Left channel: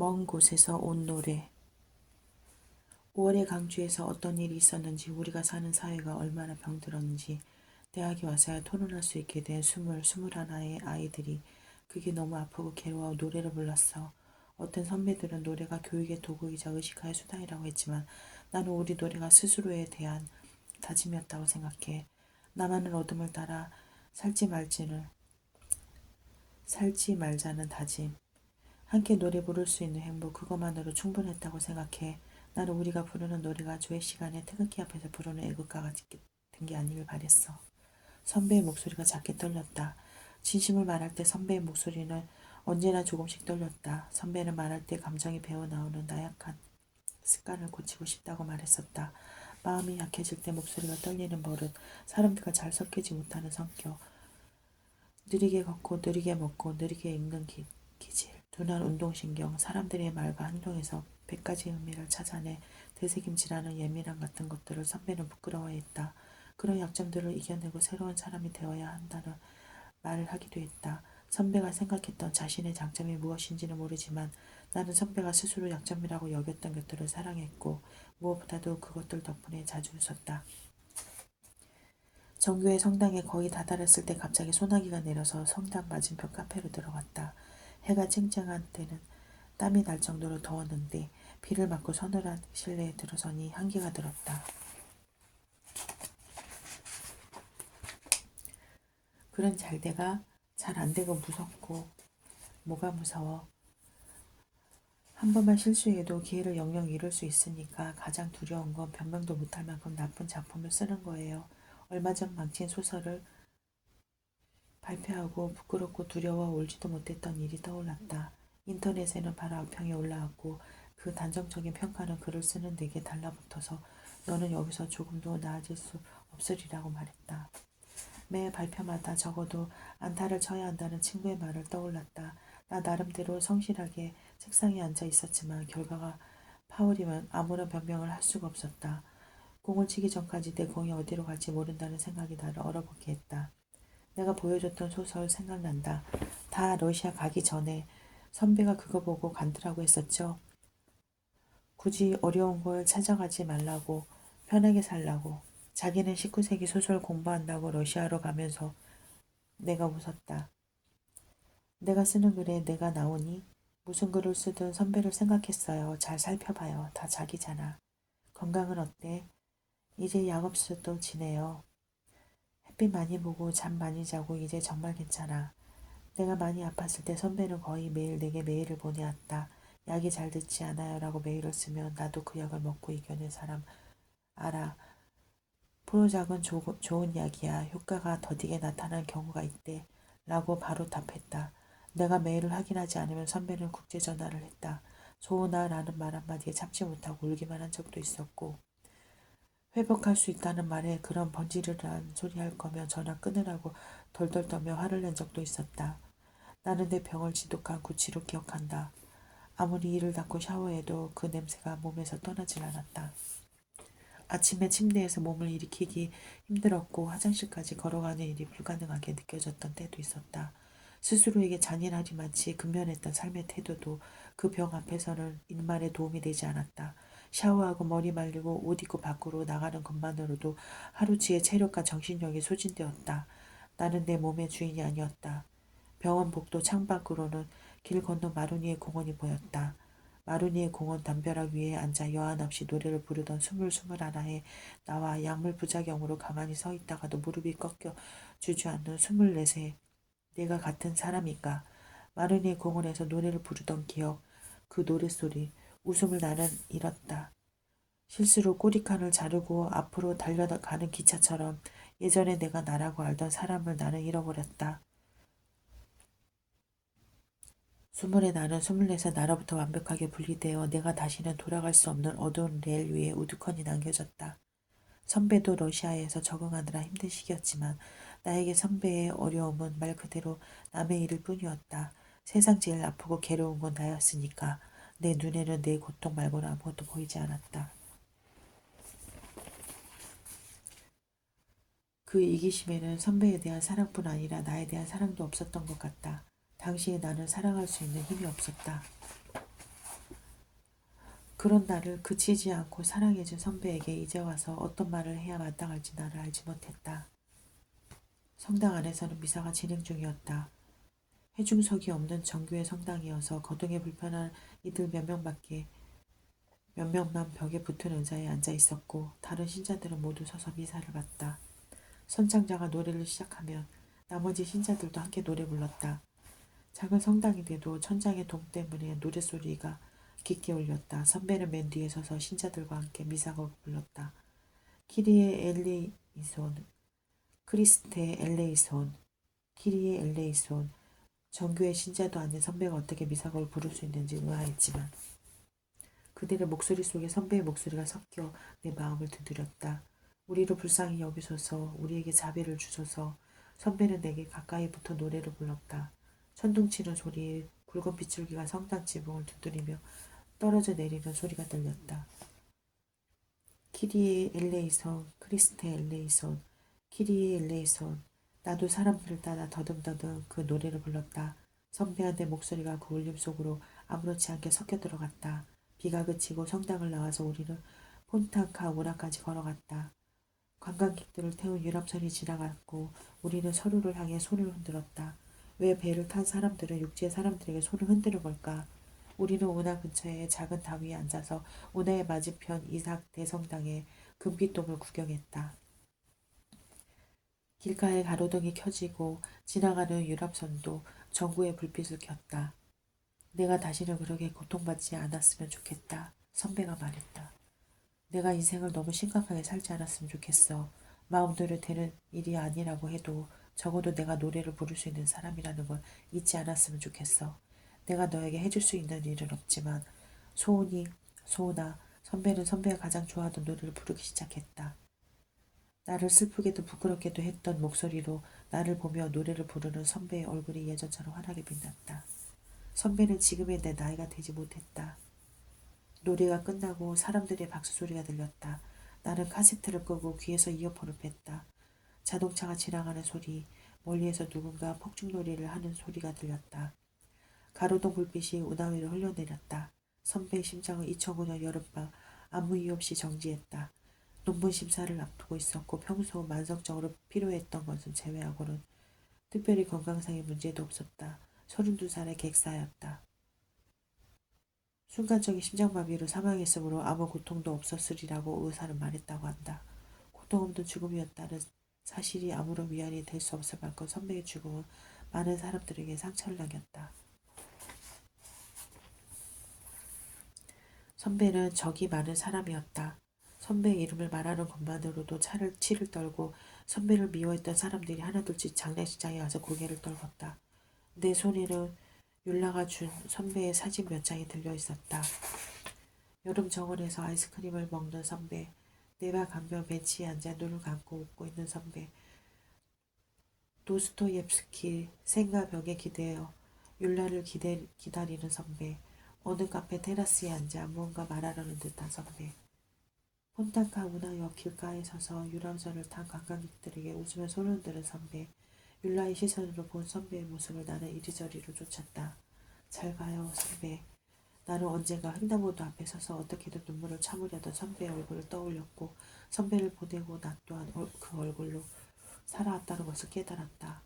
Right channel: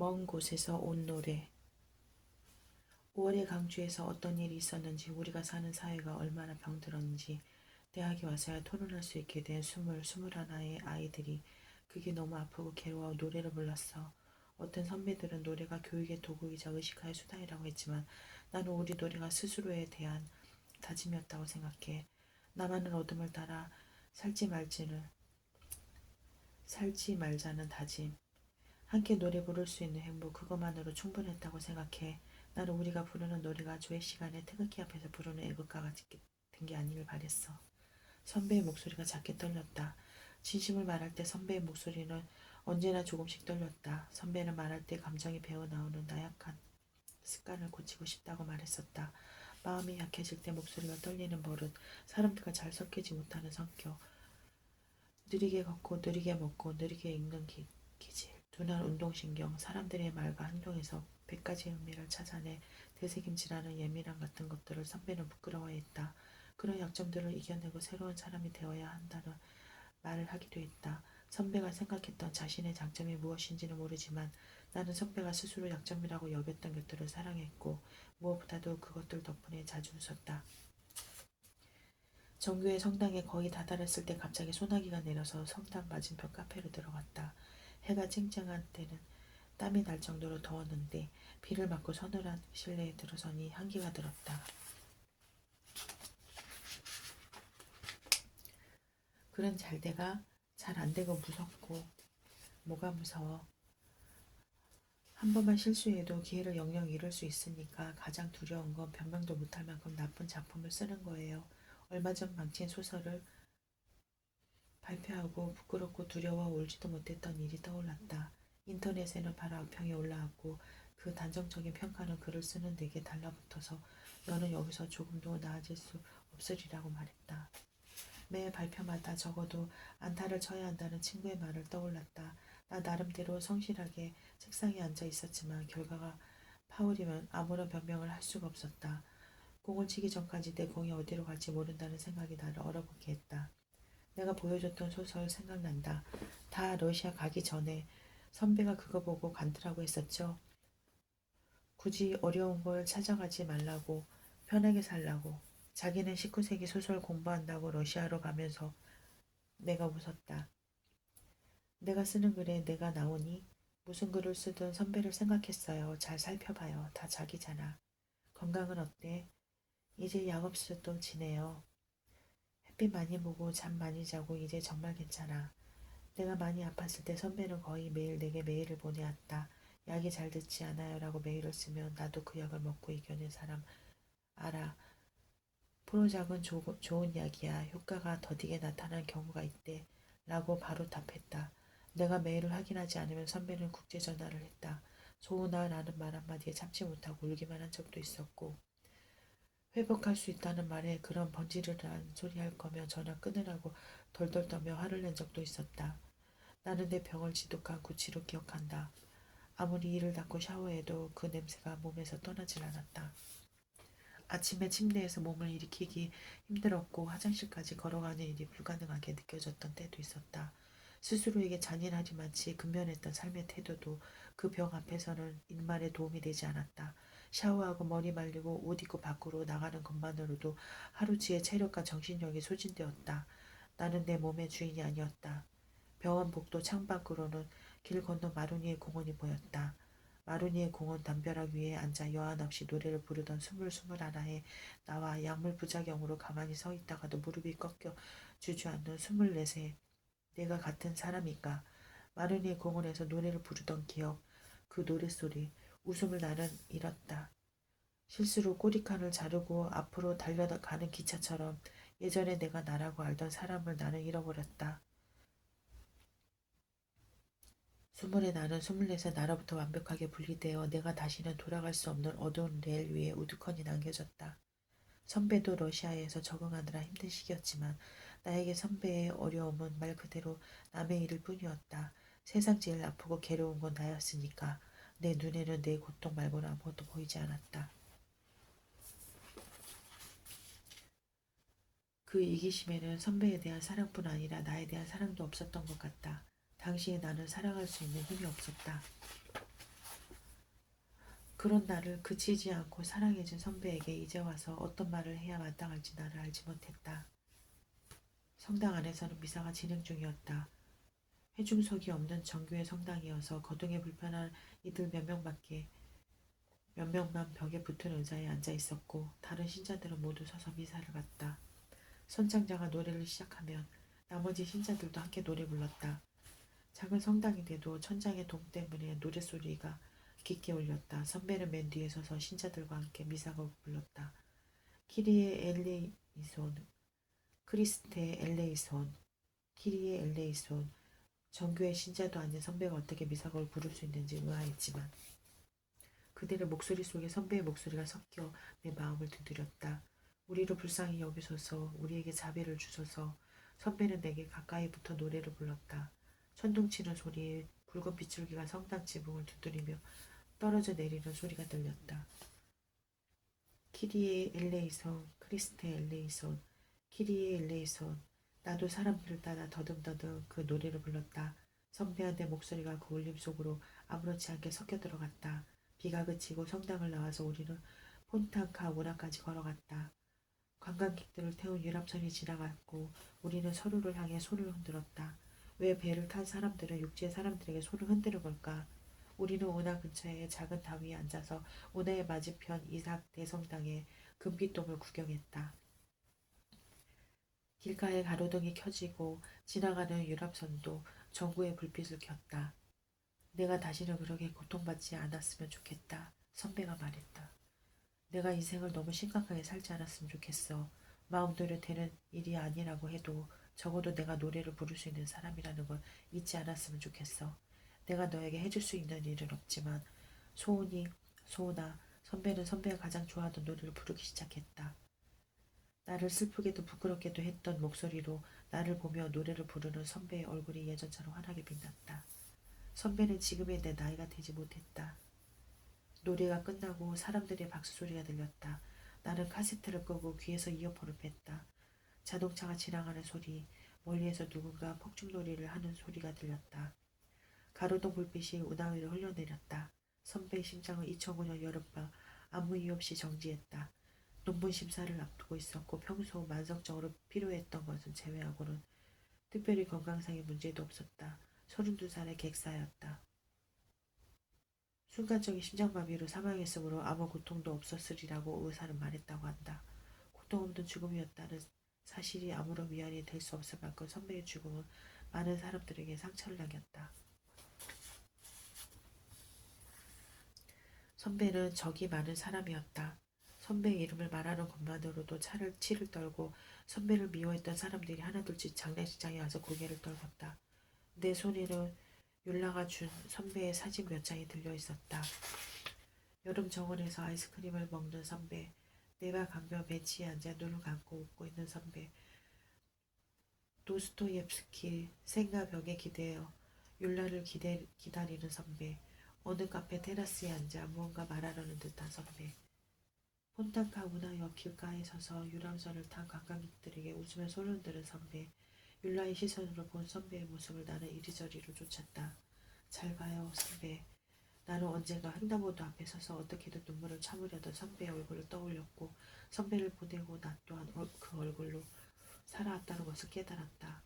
먼 곳에서 온 노래. 5월의 강주에서 어떤 일이 있었는지, 우리가 사는 사회가 얼마나 병들었는지 대학에 와서야 토론할 수 있게 된 21의 아이들이 그게 너무 아프고 괴로워 노래를 불렀어. 어떤 선배들은 노래가 교육의 도구이자 의식화의 수단이라고 했지만 나는 우리 노래가 스스로에 대한 다짐이었다고 생각해. 나만은 어둠을 따라 살지 말자는 다짐. 함께 노래 부를 수 있는 행복, 그것만으로 충분했다고 생각해. 나는 우리가 부르는 노래가 조회 시간에 태극기 앞에서 부르는 애국가 같은 게 아니길 바랬어. 선배의 목소리가 작게 떨렸다. 진심을 말할 때 선배의 목소리는 언제나 조금씩 떨렸다. 선배는 말할 때 감정이 배어나오는 나약한 습관을 고치고 싶다고 말했었다. 마음이 약해질 때 목소리가 떨리는 버릇, 사람들과 잘 섞이지 못하는 성격, 느리게 걷고 느리게 먹고 느리게 읽는 기질, 둔한 운동신경, 사람들의 말과 행동에서 100가지 의미를 찾아내 되새김질하는 예민함 같은 것들을 선배는 부끄러워했다. 그런 약점들을 이겨내고 새로운 사람이 되어야 한다는 말을 하기도 했다. 선배가 생각했던 자신의 장점이 무엇인지는 모르지만 나는 선배가 스스로 약점이라고 여겼던 것들을 사랑했고 무엇보다도 그것들 덕분에 자주 웃었다. 정교회 성당에 거의 다다랐을 때 갑자기 소나기가 내려서 성당 맞은편 카페로 들어갔다. 해가 쨍쨍한 때는 땀이 날 정도로 더웠는데 비를 맞고 서늘한 실내에 들어서니 한기가 들었다. 그런 잘돼가 잘 안되고 무섭고 뭐가 무서워. 한 번만 실수해도 기회를 영영 잃을 수 있으니까 가장 두려운 건 변명도 못할 만큼 나쁜 작품을 쓰는 거예요. 얼마 전 망친 소설을 발표하고 부끄럽고 두려워 울지도 못했던 일이 떠올랐다. 인터넷에는 바로 악평이 올라왔고 그 단정적인 평가는 글을 쓰는 내게 달라붙어서 너는 여기서 조금도 나아질 수 없으리라고 말했다. 매 발표마다 적어도 안타를 쳐야 한다는 친구의 말을 떠올랐다. 나 나름대로 성실하게 책상에 앉아 있었지만 결과가 파울이면 아무런 변명을 할 수가 없었다. 공을 치기 전까지 내 공이 어디로 갈지 모른다는 생각이 나를 얼어붙게 했다. 내가 보여줬던 소설 생각난다. 다 러시아 가기 전에 선배가 그거 보고 간두라고 했었죠. 굳이 어려운 걸 찾아가지 말라고, 편하게 살라고. 자기는 19세기 소설 공부한다고 러시아로 가면서 내가 웃었다. 내가 쓰는 글에 내가 나오니 무슨 글을 쓰든 선배를 생각했어요. 잘 살펴봐요. 다 자기잖아. 건강은 어때? 이제 약 없어도 지내요. 햇빛 많이 보고 잠 많이 자고 이제 정말 괜찮아. 내가 많이 아팠을 때 선배는 거의 매일 내게 메일을 보내왔다. 약이 잘 듣지 않아요 라고 메일을 쓰면 나도 그 약을 먹고 이겨낸 사람 알아. 프로작은 좋은 약이야. 효과가 더디게 나타난 경우가 있대. 라고 바로 답했다. 내가 메일을 확인하지 않으면 선배는 국제전화를 했다. 소은아 라는 말 한마디에 참지 못하고 울기만 한 적도 있었고 회복할 수 있다는 말에 그런 번지르르한 소리 할 거면 전화 끊으라고 덜덜 떨며 화를 낸 적도 있었다. 나는 내 병을 지독한 구취로 기억한다. 아무리 이를 닦고 샤워해도 그 냄새가 몸에서 떠나질 않았다. 아침에 침대에서 몸을 일으키기 힘들었고 화장실까지 걸어가는 일이 불가능하게 느껴졌던 때도 있었다. 스스로에게 잔인하리만치 근면했던 삶의 태도도 그 병 앞에서는 일말에 도움이 되지 않았다. 샤워하고 머리 말리고 옷 입고 밖으로 나가는 것만으로도 하루치의 체력과 정신력이 소진되었다. 나는 내 몸의 주인이 아니었다. 병원 복도 창밖으로는 길 건너 마루니의 공원이 보였다. 마루니의 공원 담벼락 위에 앉아 여한 없이 노래를 부르던 스물하나의 나와 약물 부작용으로 가만히 서 있다가도 무릎이 꺾여 주저앉는 24세 내가 같은 사람인가. 마루니의 공원에서 노래를 부르던 기억, 그 노랫소리, 웃음을 나는 잃었다. 실수로 꼬리칸을 자르고 앞으로 달려가는 기차처럼 예전에 내가 나라고 알던 사람을 나는 잃어버렸다. 20에 나는 24세 나로부터 완벽하게 분리되어 내가 다시는 돌아갈 수 없는 어두운 레일 위에 우두커니 남겨졌다. 선배도 러시아에서 적응하느라 힘든 시기였지만 나에게 선배의 어려움은 말 그대로 남의 일일 뿐이었다. 세상 제일 아프고 괴로운 건 나였으니까 내 눈에는 내 고통 말고는 아무것도 보이지 않았다. 그 이기심에는 선배에 대한 사랑뿐 아니라 나에 대한 사랑도 없었던 것 같다. 당시에 나는 사랑할 수 있는 힘이 없었다. 그런 나를 그치지 않고 사랑해준 선배에게 이제 와서 어떤 말을 해야 마땅할지 나를 알지 못했다. 성당 안에서는 미사가 진행 중이었다. 회중석이 없는 정교회 성당이어서 거동이 불편한 이들 몇 명만 벽에 붙은 의자에 앉아 있었고 다른 신자들은 모두 서서 미사를 봤다. 선창자가 노래를 시작하면 나머지 신자들도 함께 노래 불렀다. 작은 성당인데도 천장의 동 때문에 노랫소리가 깊게 울렸다. 선배는 맨 뒤에 서서 신자들과 함께 미사곡을 불렀다. 키리에 엘레이손, 크리스테 엘레이손, 키리에 엘레이손. 정교회 신자도 아닌 선배가 어떻게 미사곡을 부를 수 있는지 의아했지만 그들의 목소리 속에 선배의 목소리가 섞여 내 마음을 두드렸다. 우리를 불쌍히 여기소서, 우리에게 자비를 주소서. 선배는 내게 가까이 붙어 노래를 불렀다. 천둥치는 소리에 붉은 빗줄기가 성당 지붕을 두드리며 떨어져 내리는 소리가 들렸다. 키리에 엘레이손, 크리스테 엘레이손, 키리에 엘레이손. 나도 사람들을 따라 더듬더듬 그 노래를 불렀다. 선배한 내 목소리가 그 울림 속으로 아무렇지 않게 섞여 들어갔다. 비가 그치고 성당을 나와서 우리는 폰탄카 운하까지 걸어갔다. 관광객들을 태운 유람선이 지나갔고 우리는 서로를 향해 손을 흔들었다. 왜 배를 탄 사람들은 육지의 사람들에게 손을 흔드는 걸까? 우리는 운하 근처의 작은 다 위에 앉아서 운하의 맞은편 이삭 대성당의 금빛돔을 구경했다. 길가에 가로등이 켜지고 지나가는 유람선도 전구의 불빛을 켰다. 내가 다시는 그렇게 고통받지 않았으면 좋겠다. 선배가 말했다. 내가 인생을 너무 심각하게 살지 않았으면 좋겠어. 마음대로 되는 일이 아니라고 해도 적어도 내가 노래를 부를 수 있는 사람이라는 걸 잊지 않았으면 좋겠어. 내가 너에게 해줄 수 있는 일은 없지만 소은아, 선배는 선배가 가장 좋아하던 노래를 부르기 시작했다. 나를 슬프게도 부끄럽게도 했던 목소리로 나를 보며 노래를 부르는 선배의 얼굴이 예전처럼 환하게 빛났다. 선배는 지금의 내 나이가 되지 못했다. 노래가 끝나고 사람들의 박수 소리가 들렸다. 나는 카세트를 끄고 귀에서 이어폰을 뺐다. 자동차가 지나가는 소리, 멀리에서 누군가 폭죽놀이를 하는 소리가 들렸다. 가로등 불빛이 운하 위로 흘러내렸다. 선배의 심장은 2009년 여름밤 아무 이유 없이 정지했다. 논문 심사를 앞두고 있었고 평소 만성적으로 필요했던 것은 제외하고는 특별히 건강상의 문제도 없었다. 32살의 객사였다. 순간적인 심장마비로 사망했으므로 아무 고통도 없었으리라고 의사는 말했다고 한다. 고통 없는 죽음이었다는 사실이 아무런 위안이 될 수 없을 만큼 선배의 죽음은 많은 사람들에게 상처를 남겼다. 선배는 적이 많은 사람이었다. 선배의 이름을 말하는 것만으로도 치를 떨고 선배를 미워했던 사람들이 하나둘씩 장례식장에 와서 고개를 떨궜다. 내 손에는 율라가 준 선배의 사진 몇 장이 들려 있었다. 여름 정원에서 아이스크림을 먹는 선배, 내발 강변 벤치에 앉아 눈을 감고 웃고 있는 선배, 도스토옙스키 생과 벽에 기대어 율라를 기다리는 선배, 어느 카페 테라스에 앉아 무언가 말하려는 듯한 선배, 폰탄카 운하역 길가에 서서 유람선을 탄 관광객들에게 웃으며 손을 흔드는 선배, 율라의 시선으로 본 선배의 모습을 나는 이리저리로 쫓았다. 잘 가요, 선배. 나는 언젠가 횡단보도 앞에 서서 어떻게든 눈물을 참으려던 선배의 얼굴을 떠올렸고 선배를 보내고 나 또한 그 얼굴로 살아왔다는 것을 깨달았다.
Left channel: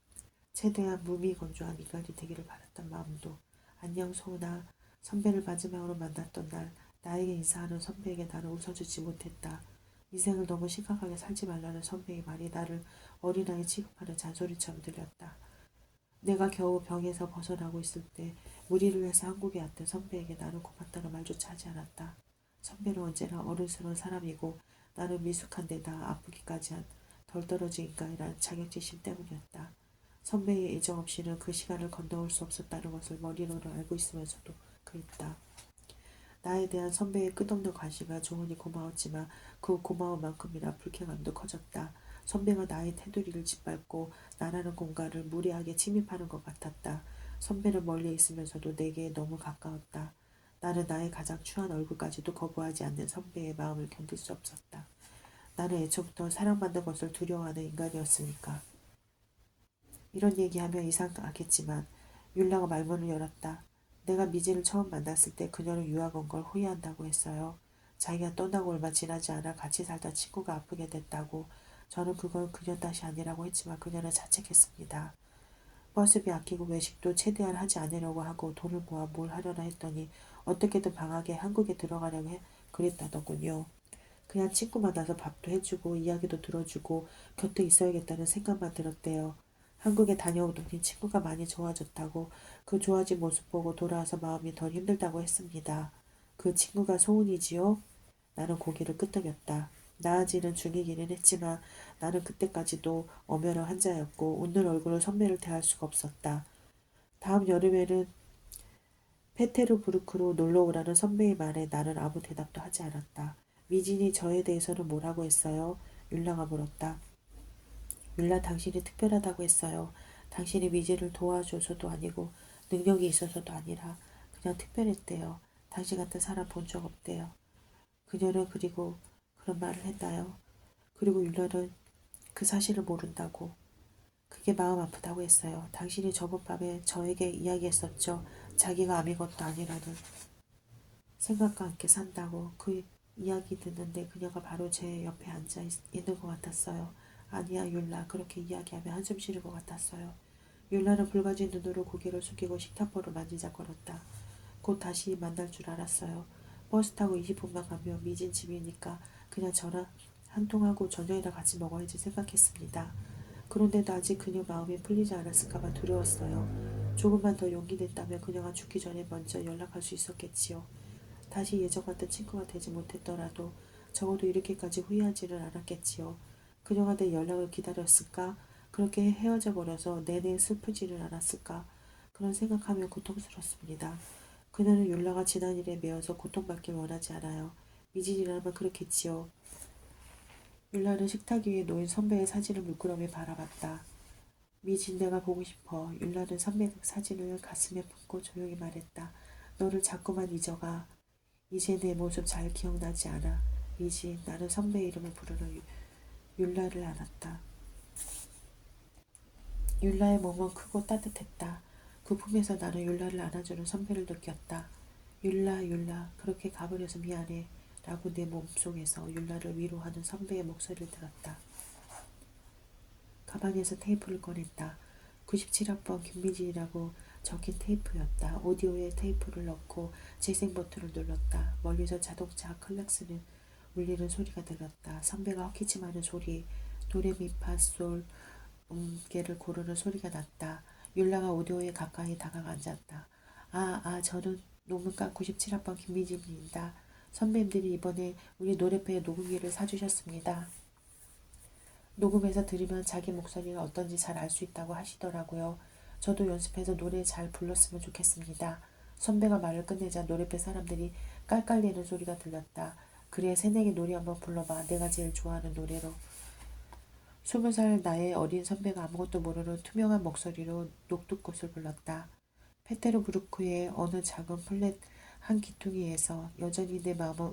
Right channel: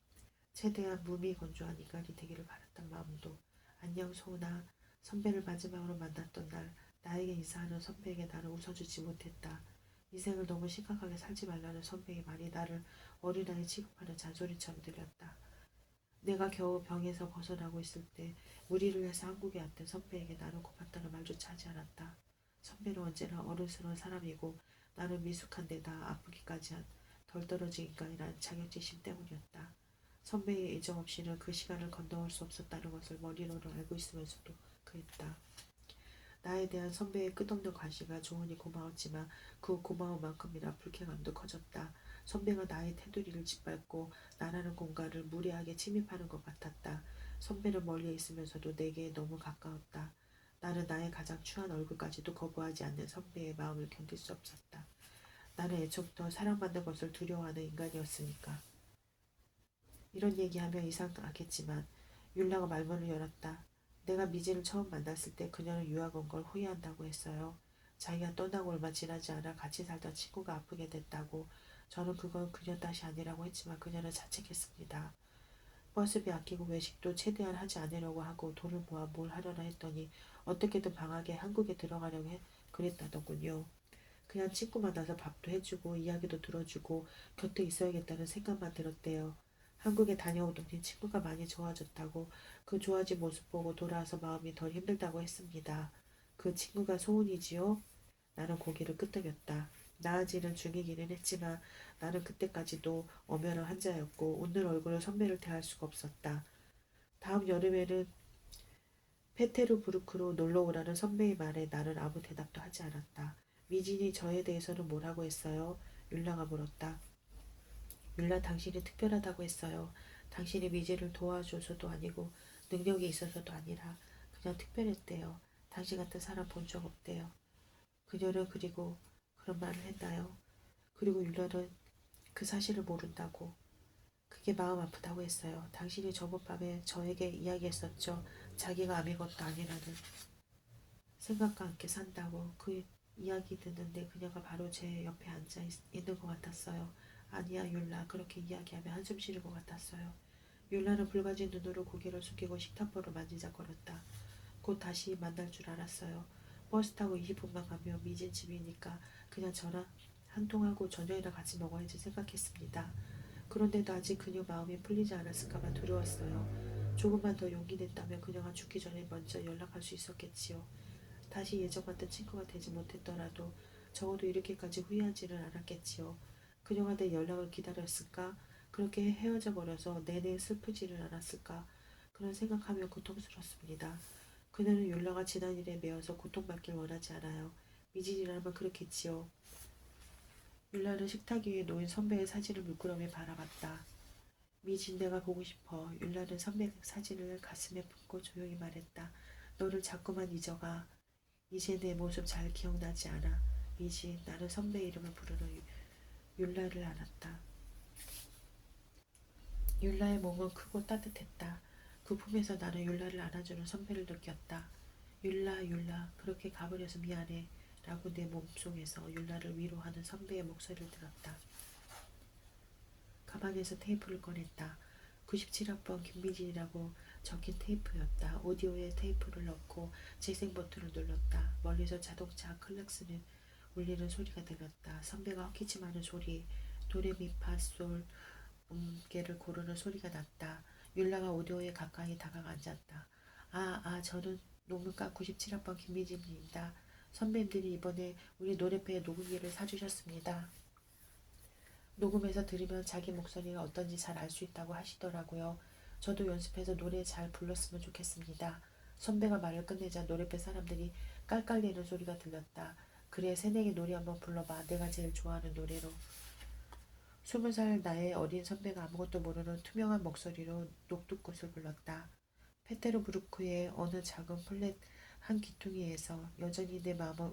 최대한 무미건조한 인간이 되기를 바랐던 마음도 안녕 소은아. 선배를 마지막으로 만났던 날 나에게 인사하는 선배에게 나는 웃어주지 못했다. 인생을 너무 심각하게 살지 말라는 선배의 말이 나를 어린아이 취급하는 잔소리처럼 들렸다. 내가 겨우 병에서 벗어나고 있을 때 무리를 해서 한국에 왔던 선배에게 나는 고맙다는 말조차 하지 않았다. 선배는 언제나 어른스러운 사람이고 나는 미숙한 데다 아프기까지 한 덜 떨어진 인간이라는 자격지심 때문이었다. 선배의 애정 없이는 그 시간을 건너올 수 없었다는 것을 머리로는 알고 있으면서도 그랬다. 나에 대한 선배의 끝없는 관심과 조언이 고마웠지만 그 고마운 만큼이나 불쾌감도 커졌다. 선배가 나의 테두리를 짓밟고 나라는 공간을 무례하게 침입하는 것 같았다. 선배는 멀리 있으면서도 내게 너무 가까웠다. 나는 나의 가장 추한 얼굴까지도 거부하지 않는 선배의 마음을 견딜 수 없었다. 나는 애초부터 사랑받는 것을 두려워하는 인간이었으니까. 이런 얘기하면 이상하겠지만 율라가 말문을 열었다. 내가 미지를 처음 만났을 때 그녀는 유학 온 걸 후회한다고 했어요. 자기가 떠나고 얼마 지나지 않아 같이 살던 친구가 아프게 됐다고. 저는 그건 그녀 탓이 아니라고 했지만 그녀는 자책했습니다. 버스비 아끼고 외식도 최대한 하지 않으려고 하고 돈을 모아 뭘 하려나 했더니 어떻게든 방학에 한국에 들어가려고 그랬다더군요. 그냥 친구 만나서 밥도 해주고 이야기도 들어주고 곁에 있어야겠다는 생각만 들었대요. 한국에 다녀오더니 친구가 많이 좋아졌다고 그 좋아진 모습 보고 돌아와서 마음이 덜 힘들다고 했습니다. 그 친구가 소은이지요? 나는 고개를 끄덕였다. 나아지는 중이기는 했지만 나는 그때까지도 엄연한 환자였고 웃는 얼굴로 선배를 대할 수가 없었다. 다음 여름에는 페테르부르크로 놀러 오라는 선배의 말에 나는 아무 대답도 하지 않았다. 미진이 저에 대해서는 뭐라고 했어요? 율라가 물었다. 율라 당신이 특별하다고 했어요. 당신이 미진을 도와줘서도 아니고 능력이 있어서도 아니라 그냥 특별했대요. 당신 같은 사람 본 적 없대요. 그녀는 그리고 그런 말을 했나요? 그리고 율라는 그 사실을 모른다고. 그게 마음 아프다고 했어요. 당신이 저번 밤에 저에게 이야기했었죠. 자기가 아무 것도 아니라는 생각과 함께 산다고. 그 이야기 듣는데 그녀가 바로 제 옆에 앉아 있는 것 같았어요. 아니야 율라 그렇게 이야기하며 한숨 쉬는 것 같았어요. 율라는 붉어진 눈으로 고개를 숙이고 식탁보를 만지작거렸다. 곧 다시 만날 줄 알았어요. 버스 타고 20분만 가면 미진 집이니까 그냥 전화 한 통하고 저녁이나 같이 먹어야지 생각했습니다. 그런데도 아직 그녀 마음이 풀리지 않았을까봐 두려웠어요. 조금만 더 용기 냈다면 그녀가 죽기 전에 먼저 연락할 수 있었겠지요. 다시 예전 같은 친구가 되지 못했더라도 적어도 이렇게까지 후회하지는 않았겠지요. 그녀가 내 연락을 기다렸을까? 그렇게 헤어져 버려서 내내 슬프지는 않았을까? 그런 생각하면 고통스럽습니다. 그녀는 율라가 지난 일에 매여서 고통받길 원하지 않아요. 미진이라면 그렇겠지요. 율라는 식탁 위에 놓인 선배의 사진을 물끄러미 바라봤다. 미진 내가 보고 싶어. 율라는 선배 사진을 가슴에 품고 조용히 말했다. 너를 자꾸만 잊어가. 이제 내 모습 잘 기억나지 않아. 미진 나는 선배 이름을 부르는 율라를 알았다. 율라의 몸은 크고 따뜻했다. 그 품에서 나는 율라를 안아주는 선배를 느꼈다. 율라 율라 그렇게 가버려서 미안해 라고 내 몸속에서 율라를 위로하는 선배의 목소리를 들었다. 가방에서 테이프를 꺼냈다. 97학번 김미진이라고 적힌 테이프였다. 오디오에 테이프를 넣고 재생 버튼을 눌렀다. 멀리서 자동차 클락슨을 울리는 소리가 들렸다. 선배가 헛기침하는 소리, 도레미파솔 음계를 고르는 소리가 났다. 율라가 오디오에 가까이 다가가 앉았다. 저는 노문과 97학번 김미진입니다. 선배님들이 이번에 우리 노래패에 녹음기를 사주셨습니다. 녹음해서 들으면 자기 목소리가 어떤지 잘 알 수 있다고 하시더라고요. 저도 연습해서 노래 잘 불렀으면 좋겠습니다. 선배가 말을 끝내자 노래패 사람들이 깔깔대는 소리가 들렸다. 그래 새내기 노래 한번 불러봐. 내가 제일 좋아하는 노래로. 20살 나의 어린 선배가 아무것도 모르는 투명한 목소리로 녹두꽃을 불렀다. 페테르부르크의 어느 작은 플랫 한 기퉁이에서 여전히 내 마음을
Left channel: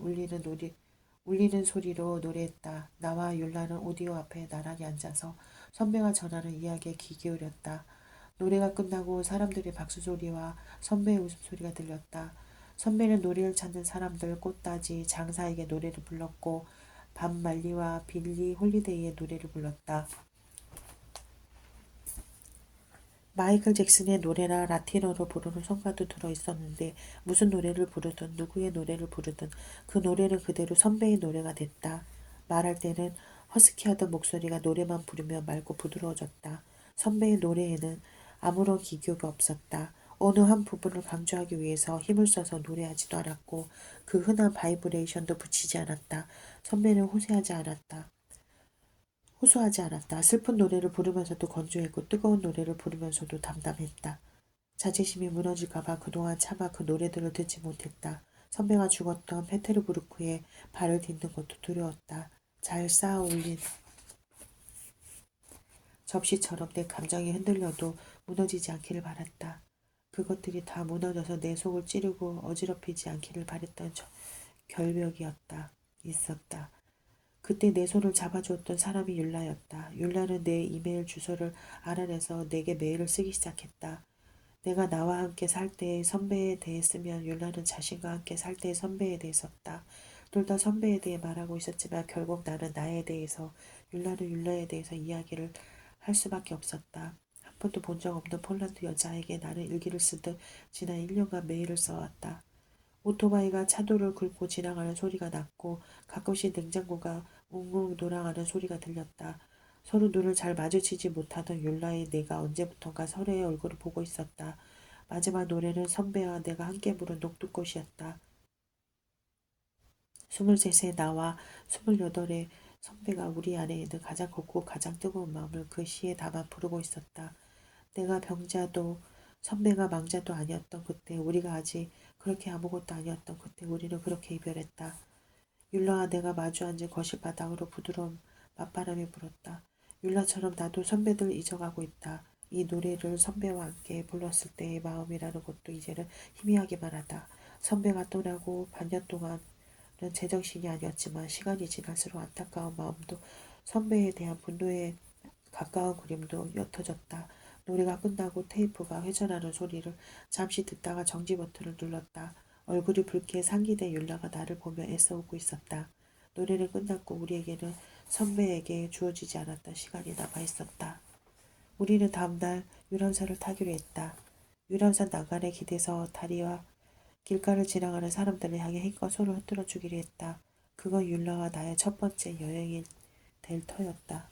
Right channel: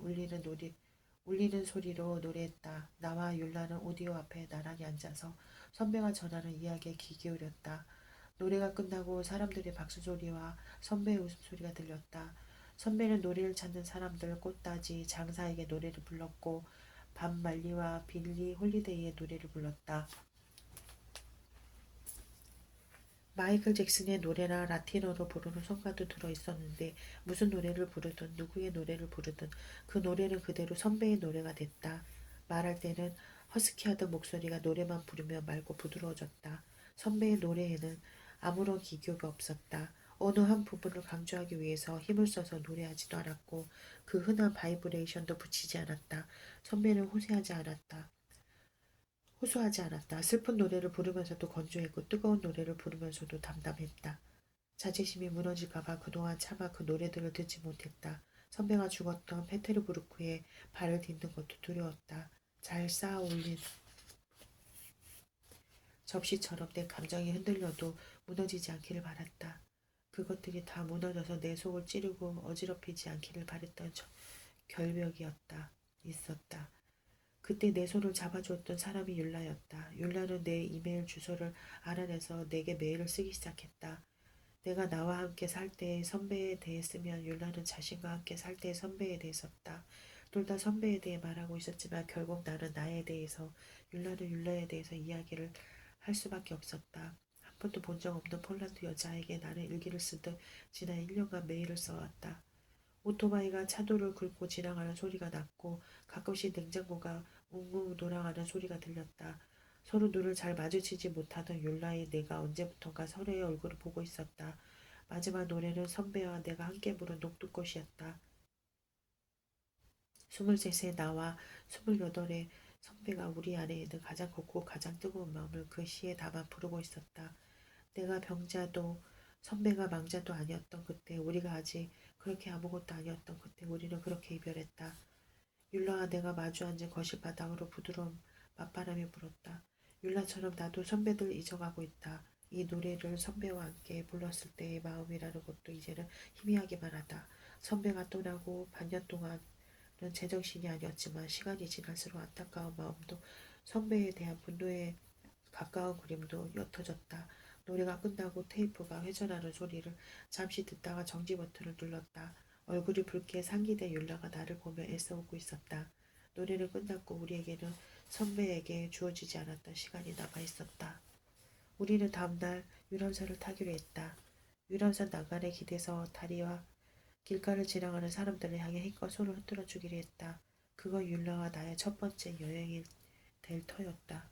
울리는 소리로 노래했다. 나와 율라는 오디오 앞에 나란히 앉아서 선배가 전하는 이야기에 귀 기울였다. 노래가 끝나고 사람들의 박수 소리와 선배의 웃음소리가 들렸다. 선배는 노래를 찾는 사람들, 꽃다지, 장사에게 노래를 불렀고 밤말리와 빌리 홀리데이의 노래를 불렀다. 마이클 잭슨의 노래나 라틴어로 부르는 성가도 들어있었는데 무슨 노래를 부르든 누구의 노래를 부르든 그 노래는 그대로 선배의 노래가 됐다. 말할 때는 허스키하던 목소리가 노래만 부르며 맑고 부드러워졌다. 선배의 노래에는 아무런 기교가 없었다. 어느 한 부분을 강조하기 위해서 힘을 써서 노래하지도 않았고 그 흔한 바이브레이션도 붙이지 않았다. 선배는 호소하지 않았다. 슬픈 노래를 부르면서도 건조했고 뜨거운 노래를 부르면서도 담담했다. 자존심이 무너질까봐 그동안 차마 그 노래들을 듣지 못했다. 선배가 죽었던 페테르부르크에 발을 딛는 것도 두려웠다. 잘 쌓아 올린 접시처럼 내 감정이 흔들려도 무너지지 않기를 바랐다. 그것들이 다 무너져서 내 속을 찌르고 어지럽히지 않기를 바랬던 결벽이었다. 있었다. 그때 내 손을 잡아주었던 사람이 율라였다. 율라는 내 이메일 주소를 알아내서 내게 메일을 쓰기 시작했다. 내가 나와 함께 살 때의 선배에 대했으면 율라는 자신과 함께 살 때의 선배에 대했었다. 둘 다 선배에 대해 말하고 있었지만 결국 나는 나에 대해서, 율라는 율라에 대해서 이야기를 할 수밖에 없었다. 한 번도 본 적 없는 폴란드 여자에게 나는 일기를 쓰듯 지난 1년간 메일을 써왔다. 오토바이가 차도를 긁고 지나가는 소리가 났고 가끔씩 냉장고가 웅웅 돌아가는 소리가 들렸다. 서로 눈을 잘 마주치지 못하던 율라의 내가 언제부턴가 서로의 얼굴을 보고 있었다. 마지막 노래는 선배와 내가 함께 부른 녹두꽃이었다. 23세 나와 28의 선배가 우리 안에 있는 가장 곱고 가장 뜨거운 마음을 그 시에 담아 부르고 있었다. 내가 병자도 선배가 망자도 아니었던 그때, 우리가 아직 그렇게 아무것도 아니었던 그때 우리는 그렇게 이별했다. 율라와 내가 마주 앉은 거실 바닥으로 부드러운 맞바람이 불었다. 율라처럼 나도 선배들 잊어가고 있다. 이 노래를 선배와 함께 불렀을 때의 마음이라는 것도 이제는 희미하기만 하다. 선배가 떠나고 반년 동안은 제정신이 아니었지만 시간이 지날수록 안타까운 마음도 선배에 대한 분노에 가까운 그림도 옅어졌다. 노래가 끝나고 테이프가 회전하는 소리를 잠시 듣다가 정지 버튼을 눌렀다. 얼굴이 붉게 상기된 율라가 나를 보며 애써 웃고 있었다. 노래는 끝났고 우리에게는 선배에게 주어지지 않았던 시간이 남아 있었다. 우리는 다음날 유람선을 타기로 했다. 유람선 난간에 기대서 다리와 길가를 지나가는 사람들을 향해 힘껏 손을 흔들어 주기로 했다. 그건 율라와 나의 첫 번째 여행이 될 터였다.